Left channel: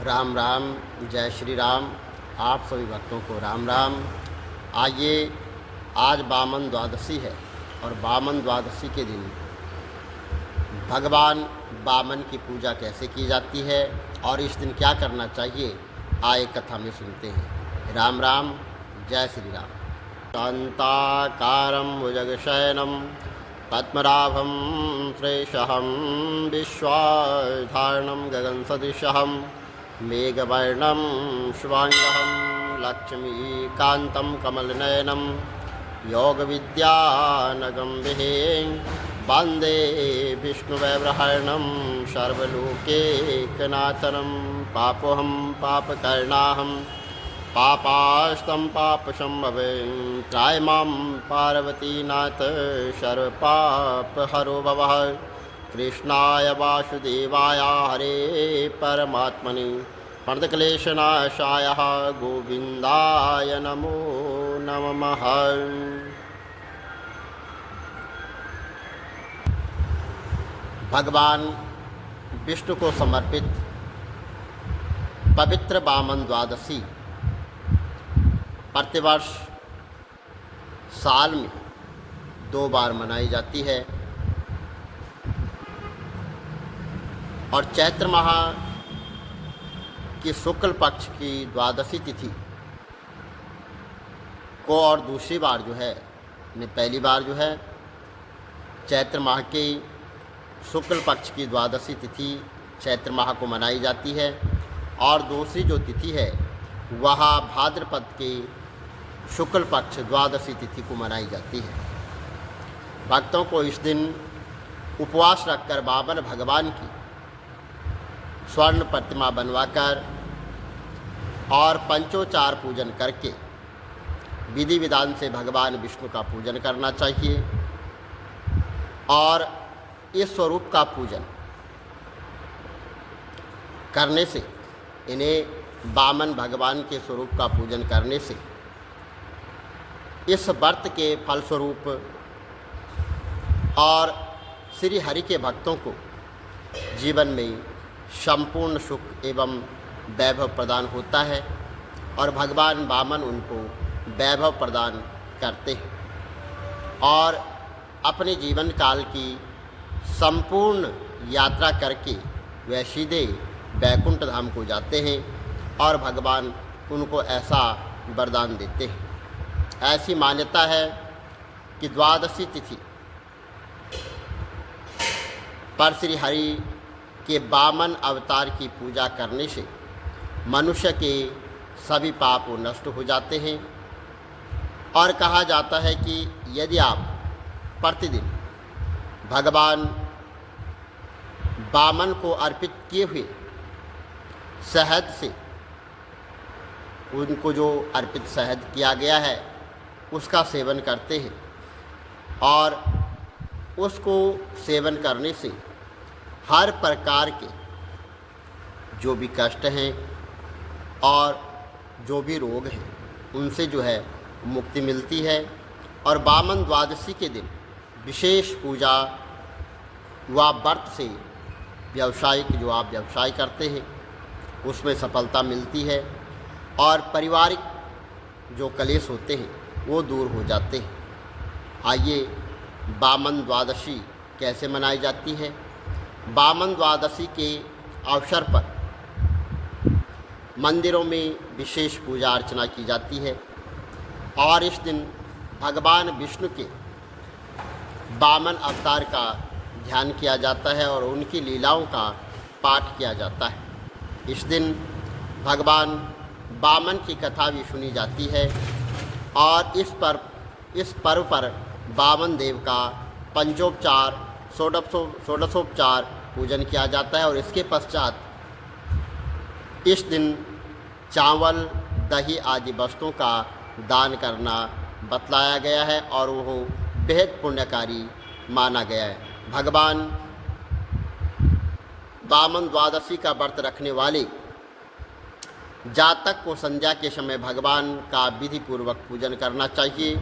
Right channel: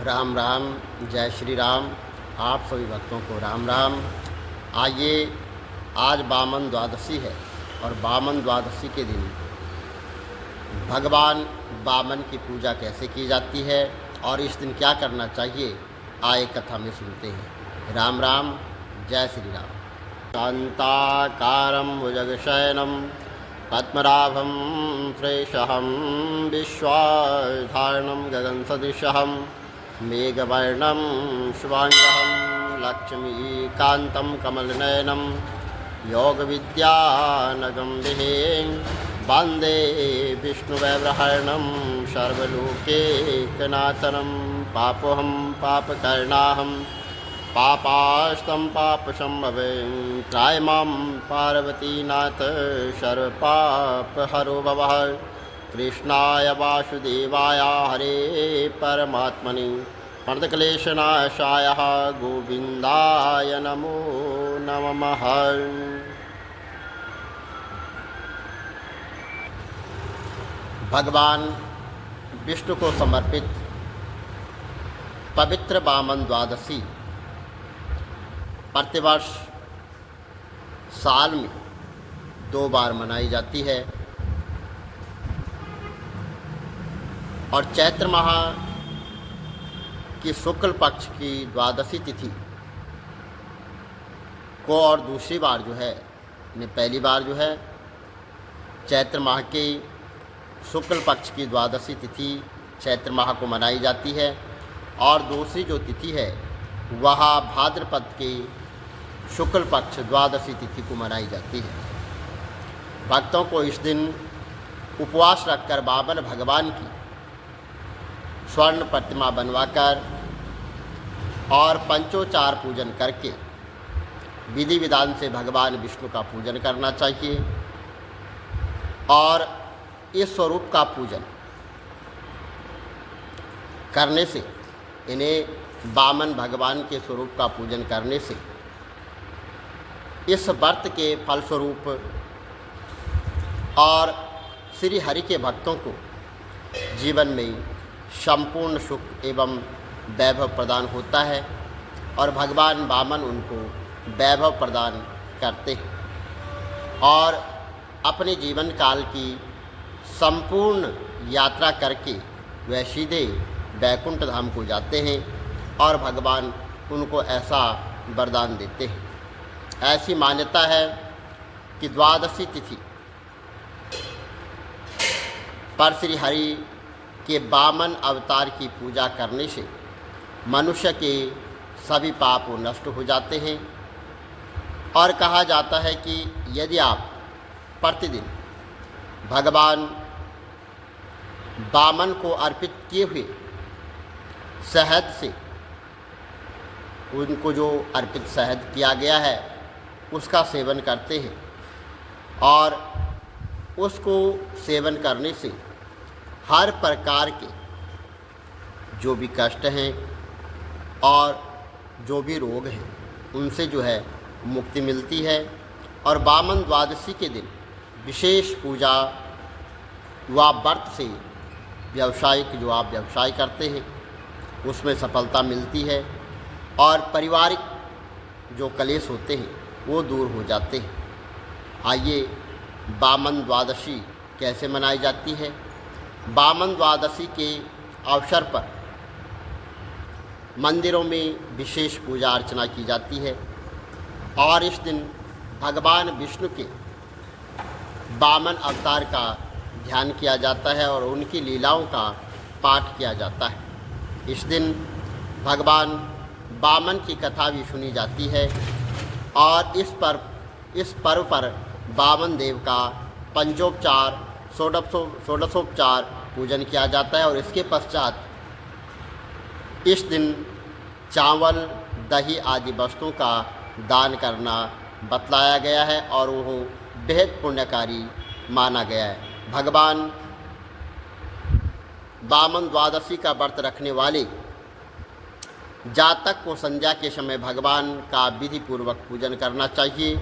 राम राम। जय श्री राम। आप सभी भक्तों को राम राम। आइए, आज वामन द्वादशी है और वामन द्वादशी के दिन भगवान वामन की पूजा कैसे की जाती है और इस दिन क्या करना चाहिए, आए कथा में सुनते हैं। राम राम। जय श्री राम। शांताकारं भुजगशयनं पद्मनाभं सुरेशं विश्वाधारणं गगनसदृशं मेघवर्णं शुभांगं लक्ष्मीकान्तं कमलनयनं योगविद्यानगं विहें वन्दे विष्णुवैब्रहरणं सर्वलोकैकनाथनं पापोऽहं पापकर्णाहं पापास्तं पापसंभवं त्रायमां पार्वतीनाथ सर्वपापहरो भवः। कृष्णाय वासुदेवाय हरे परमात्मने प्रणतक्लेशनाशाय गोविन्दाय नमो नमः। भगवान विष्णु को समर्पित पवित्र वामन द्वादशी प्रतिवर्ष साल में 2 बार मनाई जाती है और चैत्र माह की शुक्ल पक्ष की द्वादशी तिथि को और दूसरी बार जो है, पहली बार जो है चैत्र माह की शुक्ल पक्ष की द्वादशी तिथि चैत्र माह को मनाई जाती है और दूसरी जो तिथि है वह भाद्रपद की शुक्ल पक्ष द्वादशी तिथि को मनाई जाती है। भक्तों को इस दिन उपवास रखकर वामन भगवान की स्वर्ण प्रतिमा बनवाकर और पंचोचार पूजन करके विधि विधान से भगवान विष्णु का पूजन करना चाहिए और इस स्वरूप का पूजन करने से, इन्हें वामन भगवान के स्वरूप का पूजन करने से इस व्रत के फलस्वरूप और श्री हरि के भक्तों को जीवन में संपूर्ण सुख एवं वैभव प्रदान होता है और भगवान वामन उनको वैभव प्रदान करते हैं और अपने जीवन काल की संपूर्ण यात्रा करके वह सीधे वैकुंठ धाम को जाते हैं और भगवान उनको ऐसा वरदान देते हैं। ऐसी मान्यता है कि द्वादशी तिथि पर श्री हरि के वामन अवतार की पूजा करने से मनुष्य के सभी पाप नष्ट हो जाते हैं और कहा जाता है कि यदि आप प्रतिदिन भगवान वामन को अर्पित किए हुए शहद से, उनको जो अर्पित शहद किया गया है उसका सेवन करते हैं और उसको सेवन करने से हर प्रकार के जो भी कष्ट हैं और जो भी रोग हैं उनसे जो है मुक्ति मिलती है और वामन द्वादशी के दिन विशेष पूजा व व्रत से व्यवसायिक जो आप व्यवसाय करते हैं उसमें सफलता मिलती है और पारिवारिक जो कलेश होते हैं वो दूर हो जाते हैं। आइए, वामन द्वादशी कैसे मनाई जाती है। वामन द्वादशी के अवसर पर मंदिरों में विशेष पूजा अर्चना की जाती है और इस दिन भगवान विष्णु के वामन अवतार का ध्यान किया जाता है और उनकी लीलाओं का पाठ किया जाता है। इस दिन भगवान वामन की कथा भी सुनी जाती है और इस पर्व पर वामन देव का पंचोपचार षोडशोपचार पूजन किया जाता है और इसके पश्चात इस दिन चावल, दही आदि वस्तुओं का दान करना बतलाया गया है और वो बेहद पुण्यकारी माना गया है। भगवान वामन द्वादशी का व्रत रखने वाले जातक को संध्या के समय भगवान का विधि पूर्वक पूजन करना चाहिए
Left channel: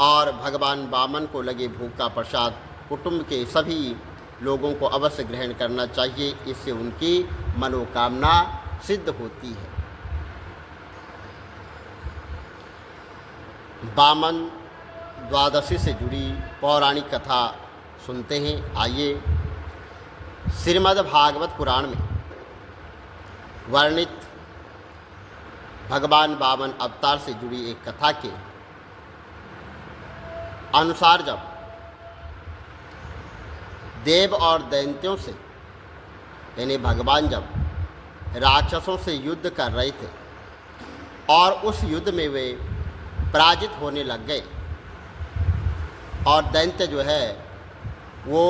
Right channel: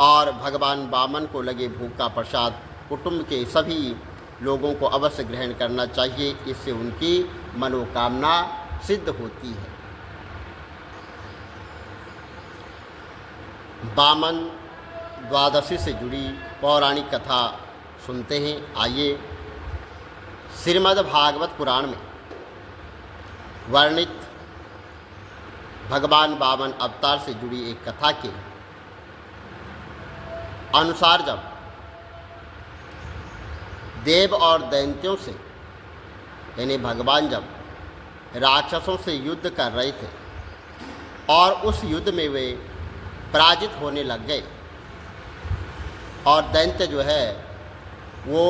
और भगवान वामन को लगे भोग का प्रसाद कुटुंब के सभी लोगों को अवश्य ग्रहण करना चाहिए। इससे उनकी मनोकामना सिद्ध होती है। वामन द्वादशी से जुड़ी पौराणिक कथा सुनते हैं। आइए श्रीमद् भागवत पुराण में वर्णित भगवान वामन अवतार से जुड़ी एक कथा के अनुसार जब देव और दैत्यों से यानी भगवान जब राक्षसों से युद्ध कर रहे थे और उस युद्ध में वे पराजित होने लग गए और दैत्य जो है वो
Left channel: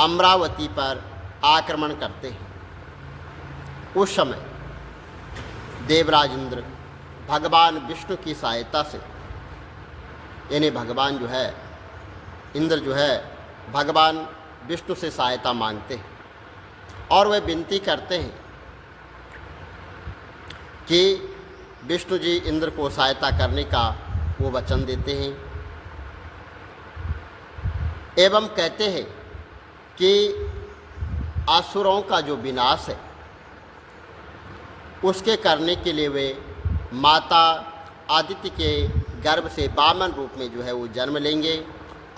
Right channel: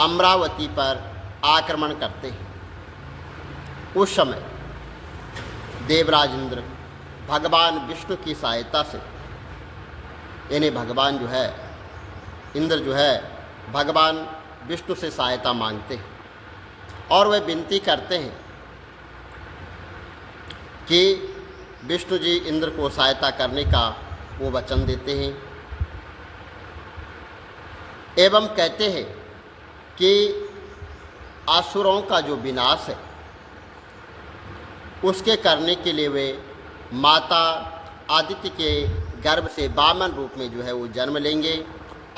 अमरावती पर आक्रमण करते हैं, उस समय देवराज इंद्र भगवान विष्णु की सहायता से यानी भगवान जो है इंद्र जो है भगवान विष्णु से सहायता मांगते हैं और वे विनती करते हैं कि विष्णु जी इंद्र को सहायता करने का वो वचन देते हैं एवं कहते हैं कि असुरों का जो विनाश है उसके करने के लिए वे माता आदित्य के गर्भ से वामन रूप में जो है वो जन्म लेंगे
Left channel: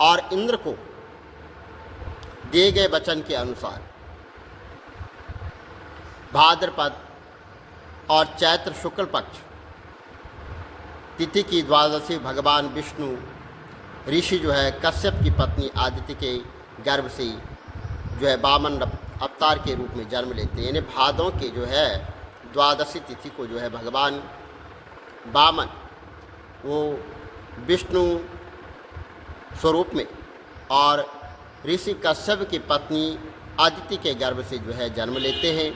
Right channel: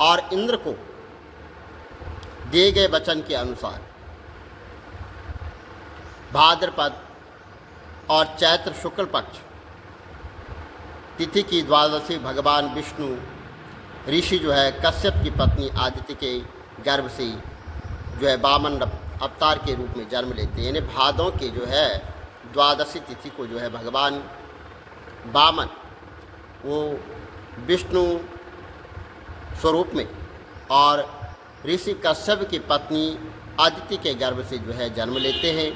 और इंद्र को दिए गए वचन के अनुसार भाद्रपद और चैत्र शुक्ल पक्ष तिथि की द्वादशी भगवान विष्णु ऋषि जो है कश्यप की पत्नी आदित्य के गर्भ से जो है वामन अवतार के रूप में जन्म लेते हैं। यानी भादों के जो है द्वादशी तिथि को जो है भगवान वामन वो विष्णु स्वरूप में और ऋषि कश्यप की पत्नी आदित्य के गर्भ से जो है जन्म लेते हैं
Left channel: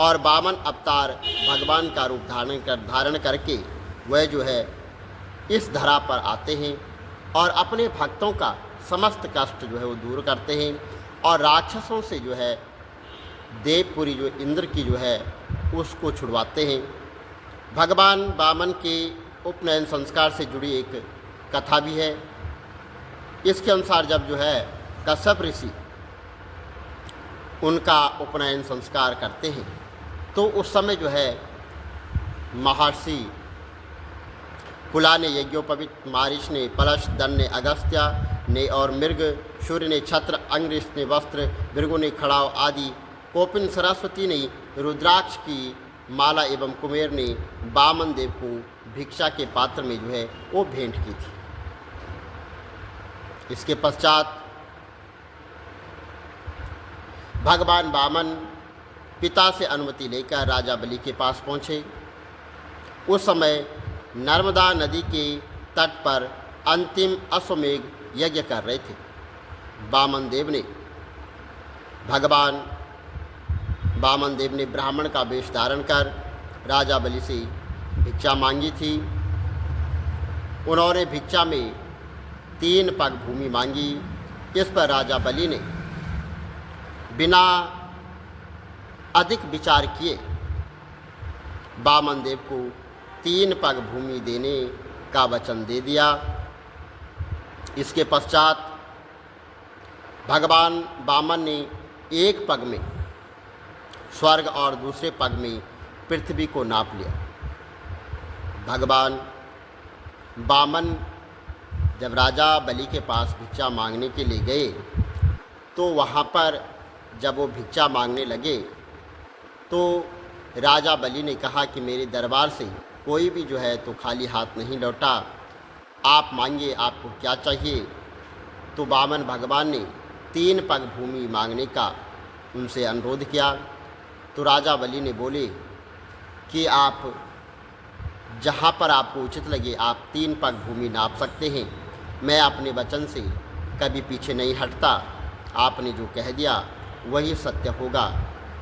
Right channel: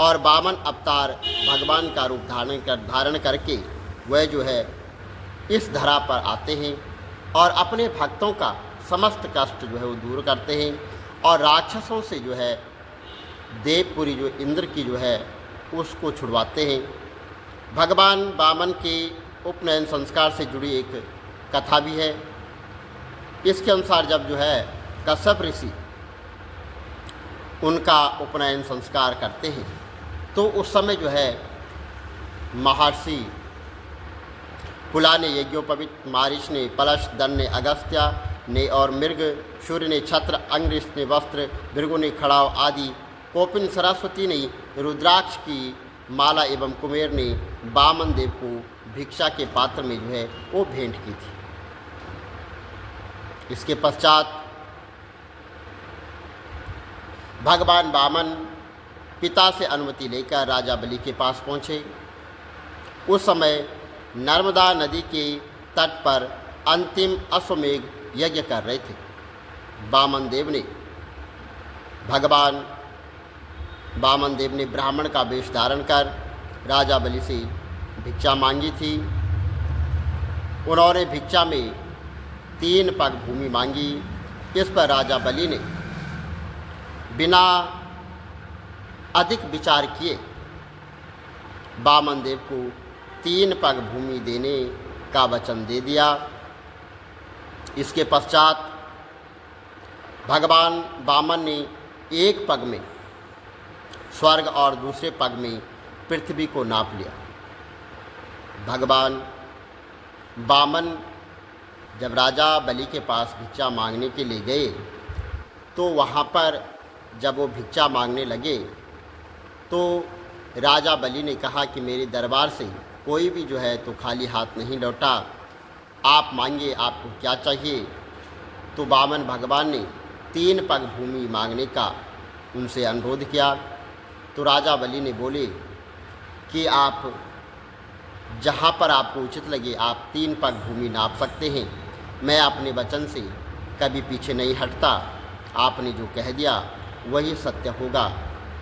और वामन अवतार भगवान का रूप धारण करके वह जो है इस धरा पर आते हैं और अपने भक्तों का समस्त कष्ट जो है वो दूर करते हैं और राक्षसों से जो है देवपुरी जो इंद्र की जो है उसको छुड़वाते हैं। भगवान वामन के उपनयन संस्कार से जुड़ी एक कथा भी है। इसके अनुसार जब जो है कश्यप ऋषि उनका उपनयन संस्कार करते हैं तो उस समय जो है महर्षि कुला ने यज्ञोपवीत, मारीच ने पलश, दन ने अगस्त्य ने और मृग, सूर्य ने छत्र, अंग्रिश ने वस्त्र, भृगु ने खड़ाव आदि, कोपिन सरस्वती ने रुद्राक्ष की माला एवं कुमेर ने वामन देव को भिक्षा के पात्र में जो है वो भेंट की थी। इसके पश्चात भगवान वामन पिता से अनुमति लेकर राजा बलि के पास पहुँचे। उस समय नर्मदा नदी के तट पर अंतिम अश्वमेघ यज्ञ कर रहे थे। वामन देव ने ब्राह्मण का वेश धारण कर राजा बलि से भिक्षा मांगी थी। उन्होंने भिक्षा में 3 पग भूमि मांगी। इस पर राजा बलि ने बिना अधिक विचार किए वामन देव को 3 पग भूमि देने का वचन दे दिया। इसके पश्चात भगवान वामन ने एक पग में स्वर्ग और दूसरे पग में पृथ्वी को नाप लिया। भगवान वामन जब राजा बलि के पास भिक्षा मांगने के लिए गए तो वहाँ पर जब वो भिक्षा मांगने लगे तो राजा बलि ने कहा कि मेरे दरबार से कोई भी जो है तो खाली हाथ नहीं लौटा, आप मांगिए आपको क्या चाहिए। तो वामन भगवान ने 3 पग भूमि मांगने का उनसे अनुरोध किया। तो राजा बलि ने बोले कि आप जहाँ पर आपको उचित लगे आप 3 पग भूमि नाप सकते हैं, मैं अपने वचन से कभी पीछे नहीं हटता, आपने जो कह दिया वही सत्य होगा,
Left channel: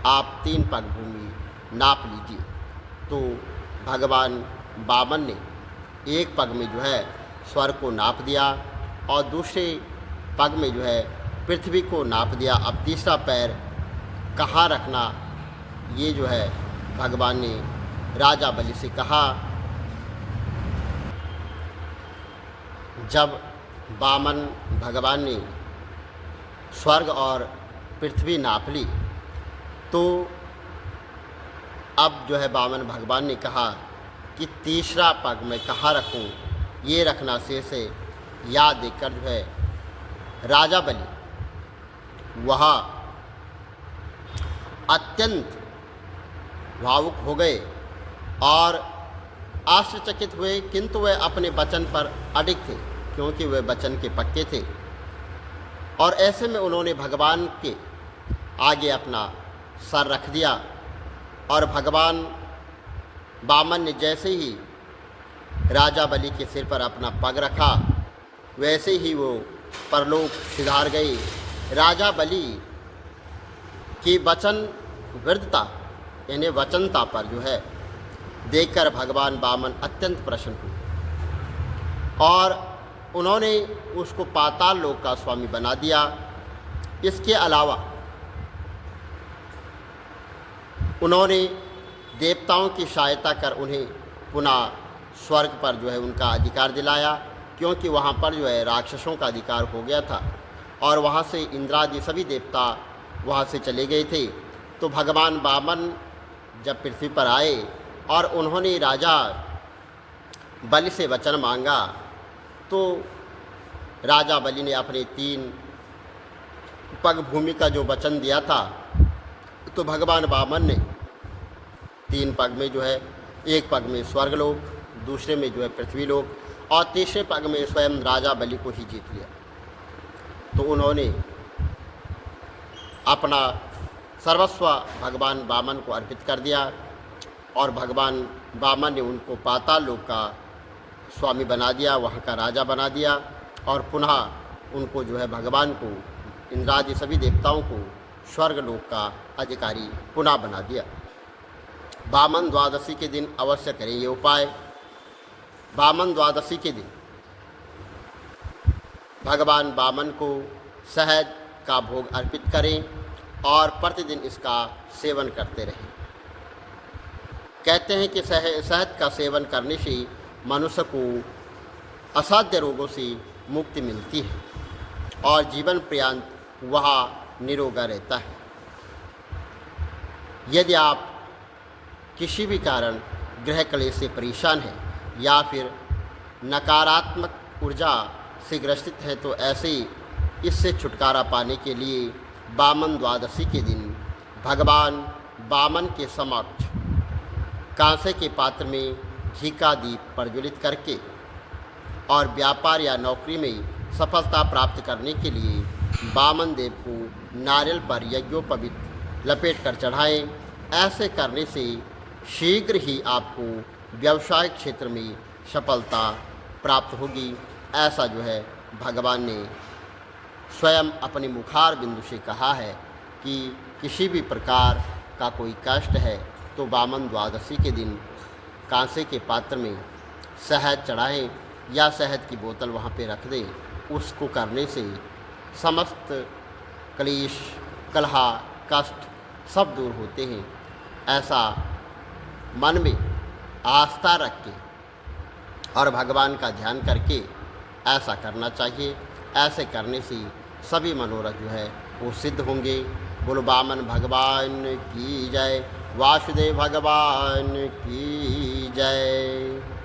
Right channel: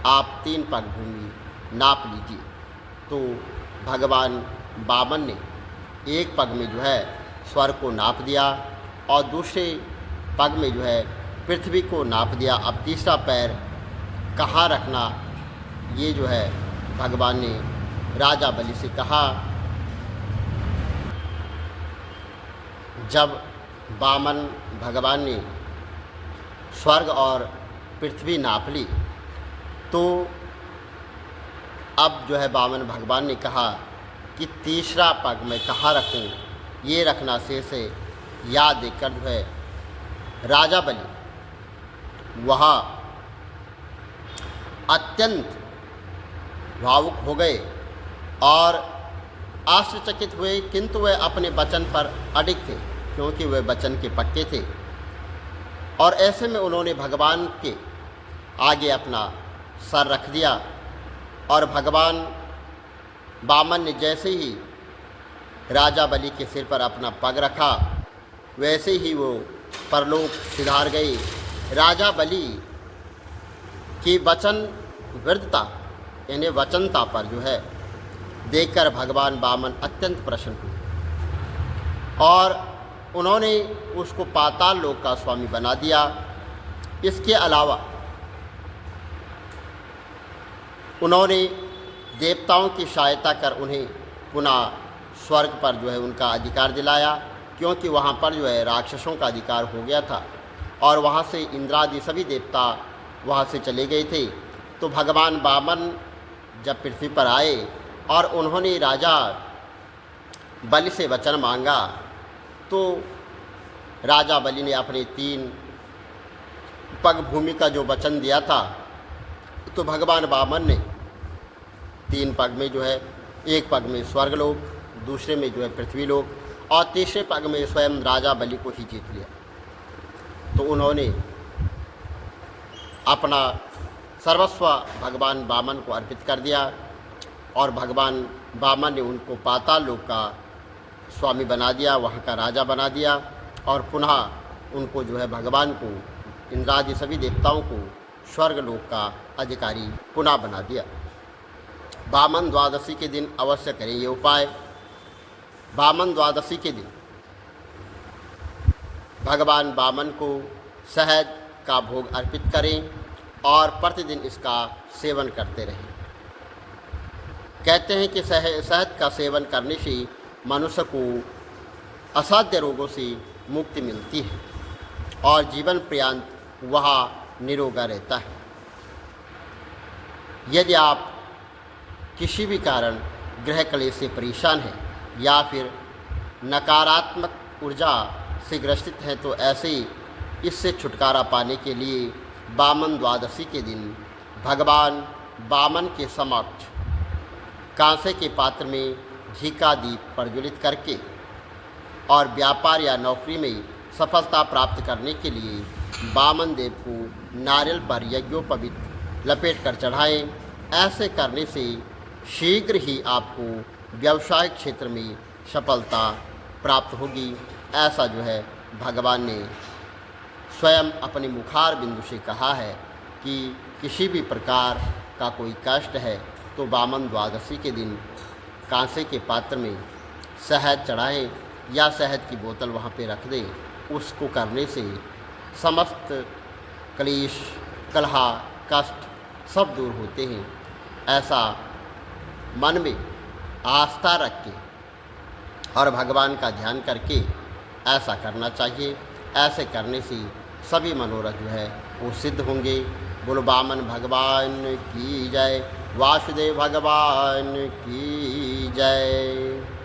आप 3 पग भूमि नाप लीजिए। तो भगवान वामन ने एक पग में जो है स्वर्ग को नाप दिया और दूसरे पग में जो है पृथ्वी को नाप दिया। अब तीसरा पैर कहाँ रखना ये जो है भगवान ने राजा बलि से कहा। जब वामन भगवान ने स्वर्ग और पृथ्वी नाप ली तो अब जो है वामन भगवान ने कहा कि तीसरा पग मैं कहाँ रखूं, ये रखना शेष है। याद देकर जो है राजा बलि वहाँ अत्यंत भावुक हो गए और आश्चर्यचकित हुए, किंतु वे अपने वचन पर अडिग थे, क्योंकि वे वचन के पक्के थे। और ऐसे में उन्होंने भगवान के आगे अपना सर रख दिया और भगवान वामन ने जैसे ही राजा बलि के सिर पर अपना पग रखा, वैसे ही वो परलोक सिधार गए। राजा बलि की वचन वृद्धता यानी वचनता पर जो है देखकर भगवान वामन अत्यंत प्रसन्न हुए और उन्होंने उसको पाताल लोक का स्वामी बना दिया। इसके अलावा उन्होंने देवताओं की सहायता कर उन्हें पुनः स्वर्ग पर जो है उनका अधिकार दिलाया, क्योंकि वहाँ पर जो है राक्षसों का अधिकार हो गया था और वहाँ से इंद्रादि सभी देवता वहाँ से चले गए थे। तो भगवान वामन जब पृथ्वी पर आए और उन्होंने राजा बलि से वचन मांगा, तो राजा बलि ने अपने 3 पग भूमि का जो वचन दिया था, तो भगवान वामन ने 3 पग में जो है, एक पग में स्वर्गलोक, दूसरे में जो है पृथ्वीलोक और तीसरे पग में स्वयं राजा बलि को ही जीत लिया। तो उन्होंने अपना सर्वस्व भगवान वामन को अर्पित कर दिया और भगवान वामन ने उनको पाताल लोक का स्वामी बना दिया, वहाँ का राजा बना दिया और पुनः उनको जो है भगवान को, इंद्रादि सभी देवताओं को स्वर्ग लोक का अधिकारी पुनः बना दिया। वामन द्वादशी के दिन अवश्य करें ये उपाय। वामन द्वादशी के दिन भगवान वामन को शहद का भोग अर्पित करें और प्रतिदिन इसका सेवन करते रहें। कहते हैं कि शहद का सेवन करने से मनुष्य को असाध्य रोगों से मुक्ति मिलती है और जीवन पर्यंत वह निरोगा रहता है। यदि आप किसी भी कारण ग्रह क्लेश से परेशान हैं या फिर नकारात्मक ऊर्जा से ग्रसित हैं, तो ऐसे ही इससे छुटकारा पाने के लिए वामन द्वादशी के दिन भगवान वामन के समक्ष कांसे के पात्र में घी का दीप प्रज्वलित करके और व्यापार या नौकरी में सफलता प्राप्त करने के लिए वामन देव को नारियल पर यज्ञोपवीत लपेट कर चढ़ाएं। ऐसे करने से शीघ्र ही आपको व्यवसायिक क्षेत्र में सफलता प्राप्त होगी। ऐसा जो है भगवान ने स्वयं अपने मुखार बिंदु से कहा है कि किसी भी प्रकार का कोई कष्ट है तो वामन द्वादशी के दिन कांसे के पात्र में शहद चढ़ाएं या शहद की बोतल वहाँ पे रख दें। उसको करने से समस्त क्लेश, कलह, कष्ट सब दूर होते हैं। ऐसा मन में आस्था रख के और भगवान का ध्यान करके ऐसा करना चाहिए। ऐसे करने से सभी मनोरथ जो है वो सिद्ध होंगे। बोलो वामन भगवान की जय, वासुदेव भगवान की जय।